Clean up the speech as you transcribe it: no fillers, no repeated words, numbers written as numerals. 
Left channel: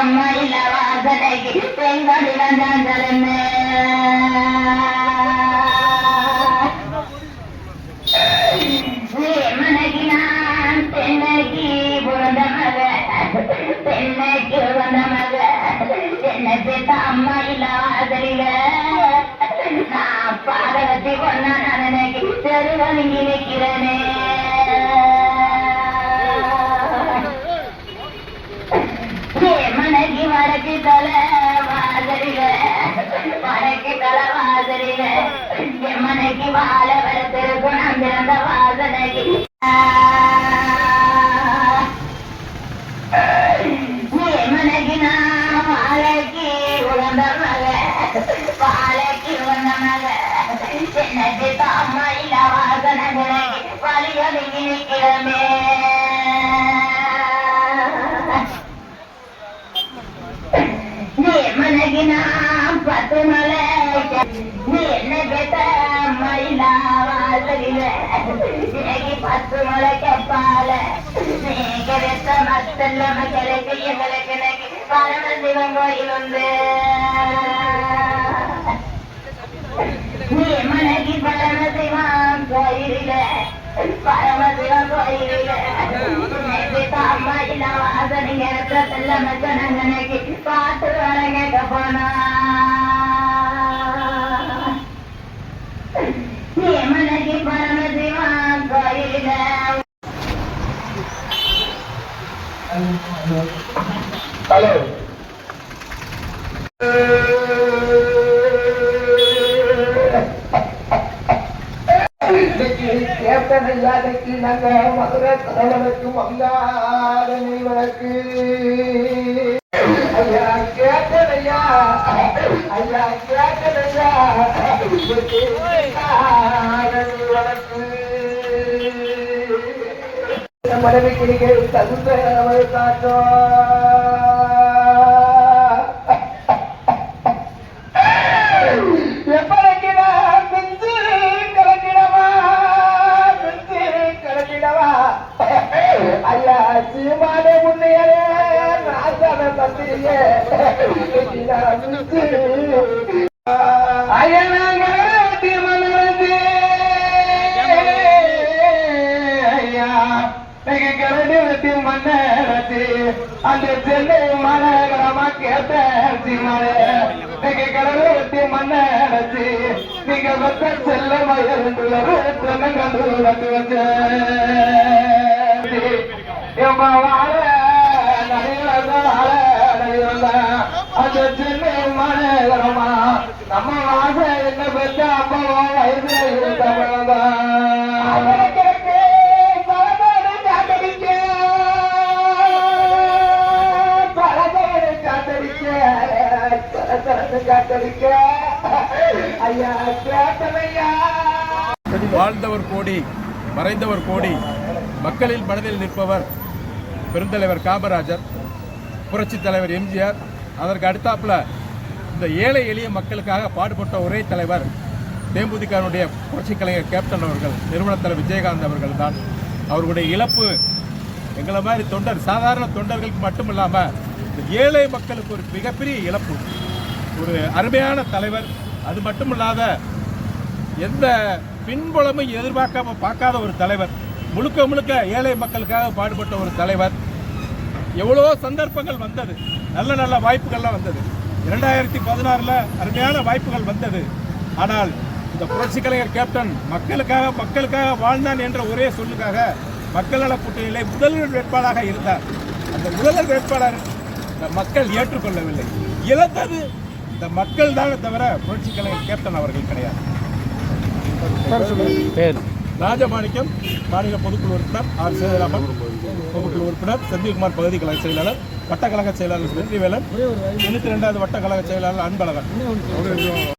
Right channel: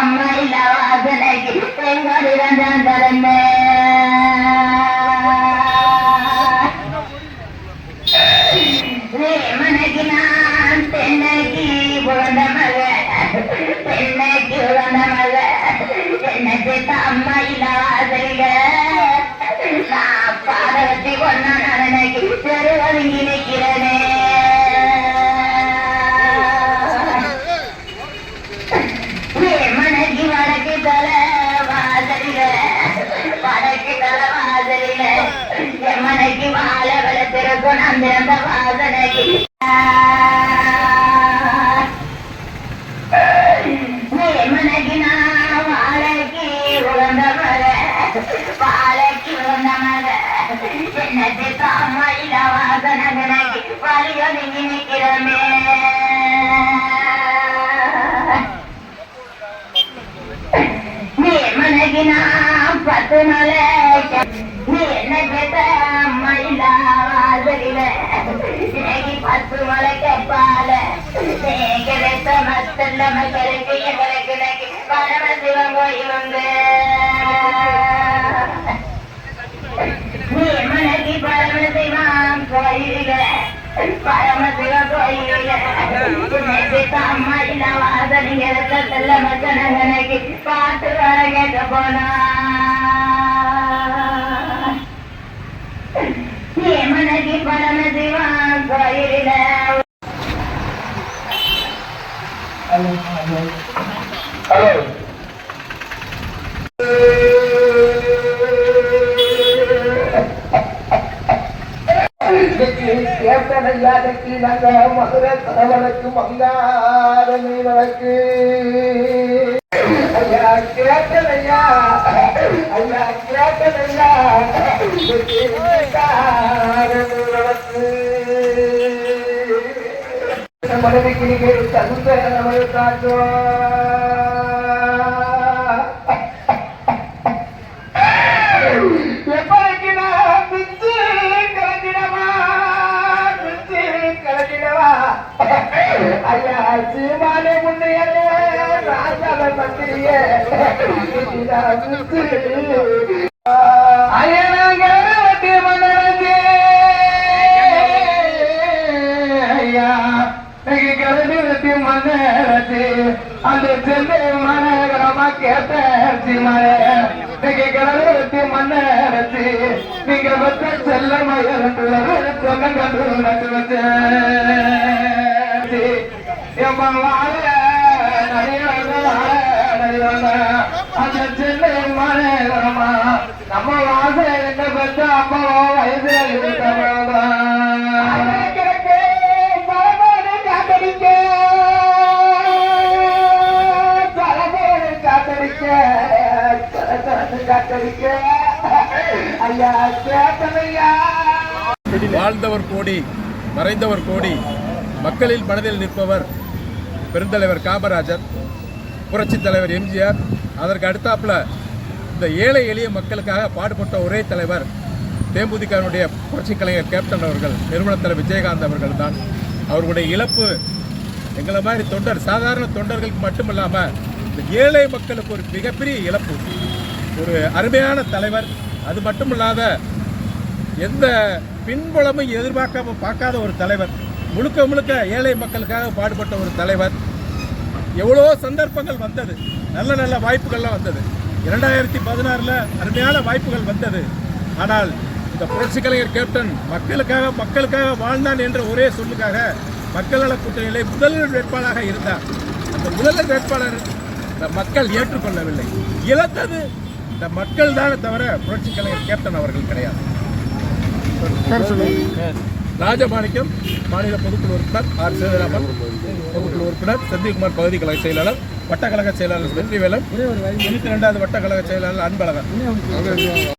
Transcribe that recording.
அம்மா இல்ல வாசனைக்கு பெண்களுடன் தரமே மனைக்கு நான் பெண்ணைக்கு உழந்த மக பெண்ணைக்கு உழந்த மக என்னை அம்மா இல்ல வாசலில நான் பாதவத்தி கொண்டா நினைக்கு தெருவங்கி நிற்கிறேனே மனைக்கு வடக்கு தலை வாசலில வடக்கு தலை வாசலில மனைக்கு வாழ வளர்த்திருக்கும் நான் பிறந்த வாசனைக்கு மனைக்கு நான் வாழைக்கு உழந்த மக வாழைக்கு உழந்த மக என்னத்தை தாமா இல்ல வாசனை வலிவதுங்கி நிற்கிறமே மனைக்கு நான் 10 நாளை நீ என்ன கேட்ட மயில வாசலில இன்னைக்கு 10 மலை கேப்பால நீ கிடைத்த மத்தல்ல மக்களுக்கு எங்களுக்கு பரமசிவன் கோயில் உண்டு நீ மனைக்கு பரமசிவன் கோயில பரமசிவன் கோயில அம்மா இல்ல வாசனிங்க செல்ல மச்சனங்கனைக்கு பாட்டு வர கேட்க போனா நீ மனைக்கு பரமசிவன் கோயில ஹலோ கேட்டனையாதைக்கு நாங்க மதுரை தலைவனுக்கு மங்காதனை வழக்கு ஐயா கேட்டனையா ஐயா கேட்டனையா வழக்கு மனைவிக்கு நீங்க தகுந்த நிலைமை காட்டும் ஐயா சீமானே முன்னையே ராசால பத்திரியே ஐயா நாங்க ஐயா கலந்து மன்னரசி அந்த சென்னை மாநகரமா கேட்ட மழை கலந்து மன்னரசி நீங்க செல்ல மயில் கண்டு வந்து அந்த சென்னை மாநகரமா நம்ம வாச பெற்ற அம்மா வயசுல இருந்தவளதான் வாழ்ந்தவர் கோடி மறைந்தவர் கோடி மக்களில் மனதில் நிற்பவர் பெருந்தலைவர் காமராஜர், புரட்சி தலைவர் எம்ஜிஆர். அதற்கு அடுத்தாப்புல இந்த ஏழை எளிய மக்களுக்காக பாடுபட்ட ஒரே தலைவர் தேமுதிகனுடைய புரட்சி கலைஞர் கேப்டன் அவர்கள், நிறுவன தலைவர் விஜயகாந்த் அவர்கள் தான். அவர்களுடைய இழப்பு எங்களை மாதிரி தொண்டர் சாதாரண தொண்டர்களுக்கு மட்டுமில்லாமல் இந்த ஏழை மக்களுக்கு ஒரு மிகப்பெரிய இழப்பு. ஒரு அருமையான தலைவர், அது மட்டுமில்லாத எந்த பின்புலமும் பார்க்காத ஒரு தலைவர், முழுக்க முழுக்க ஏழை மக்களுக்காக பாடுபட்ட ஒரு தலைவர். எவ்வளோ சந்தர்ப்பங்கள் வந்தது, நல்ல நல்ல வாய்ப்புகள்லாம் வந்தது. 2016 அருமையான வாய்ப்புகள் வந்தது. ஆனால் இந்த புரட்சி கலைஞர் கேப்டன் மக்களுக்காக வாழ்ந்தான் என்ற ஒரே சொல்லுக்காக மக்கள் நல கூட்டணியிலே முதல்வர் வேட்பாளராக இருந்தார். அந்த முதல்வர் வேட்பாளர் இந்த மக்கள் ஏற்றுக்கொள்ளவில்லை. இழந்தது இந்த மக்கள் தானே தவிர புரட்சி கலைஞர் கேப்டன் அவர்கள் கிடையாது. ராஜமாணிக்கம் மாநில பொதுக்குழு உறுப்பினர், ஆர் சேதுராமன் பொதுக்குழு உறுப்பினர், செந்தில்குமார் பகுதி கழக செயலாளர், வட்டக்கழக செயலாளர் வெற்றிவேலன், 92வது வட்டக்கழக செயலாளர் அன்பழகன்.